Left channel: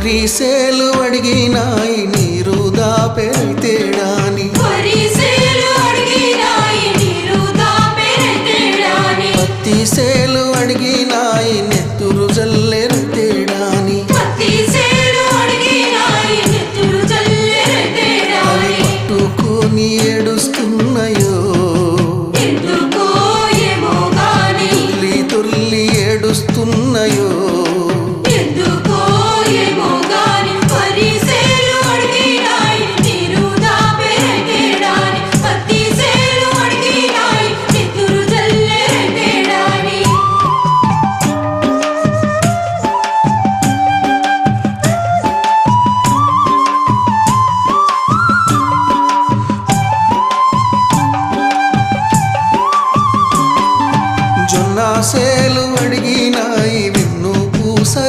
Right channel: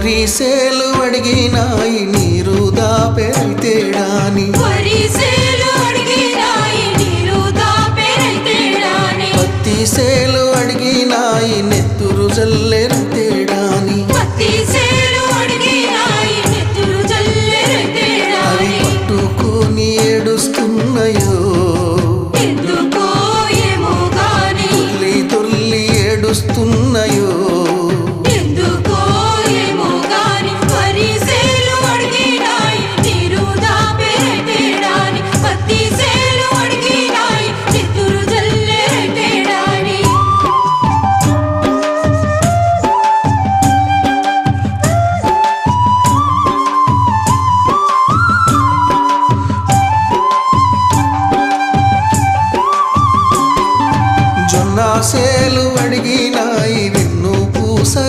వరిసేలు అడిగినాయి నీరు దాపెరైతేడాని పత్తి సేలు అడిగినాయి నెత్తురు జల్లెరైతేడాని అవి పట్టుకొని ఏడుస్తున్నాయో దొర్లి దొర్లి ఏడుస్తున్నాయో జొన్న సేలు అడిగినాయి వెన్ను పూస